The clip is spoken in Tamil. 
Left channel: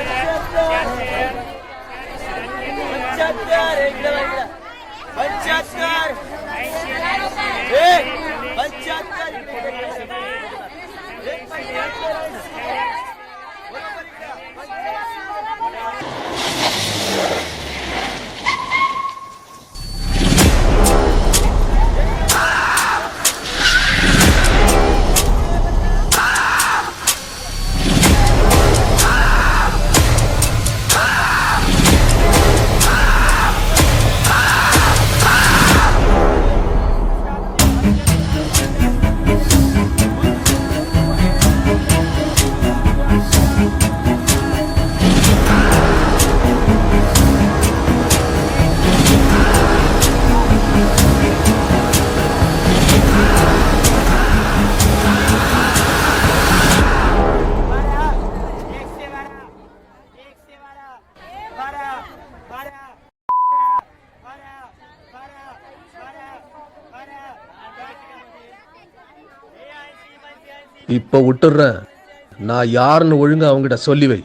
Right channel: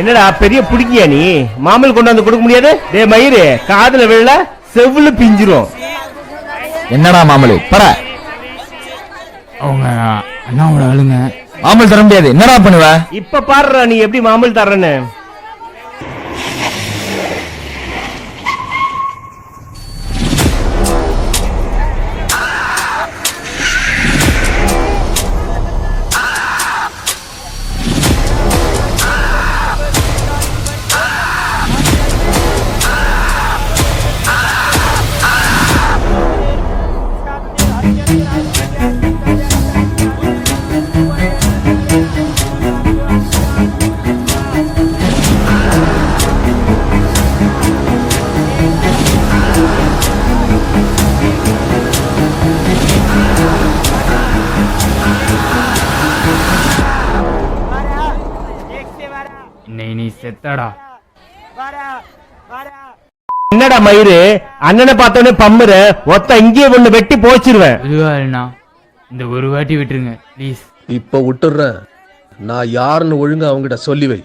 என்னடா பெரிய புடிக்கியா நீ? மாமல் கொண்டு வந்து கொடுக்க முடியாது? டேய் மயிறு, காதுல விழல செவ்வுல பிஞ்சிரும். என்னடா மாமலு பர அவங்க அண்ணாவோட ஆளுங்க மாமல் தர முடியாது. என்னடா பண்ணுவ? இப்ப பாடுற நீ எப்படி மாமல் தர்றன்னு. நீ செத்தடா. என்னடா மயிறு, அண்ணனை பார்த்தோன்னே பம்முற ஒத்த இங்கே ஒண்ணு வெட்டி போச்சிருவேன். இந்த ஒரு வாட்டி விட்டுருங்க ப்ளீஸ். இப்ப விட்டுறேன். நான் யாருன்னு ஒழுங்கா அவங்கிட்ட சொல்லி வை.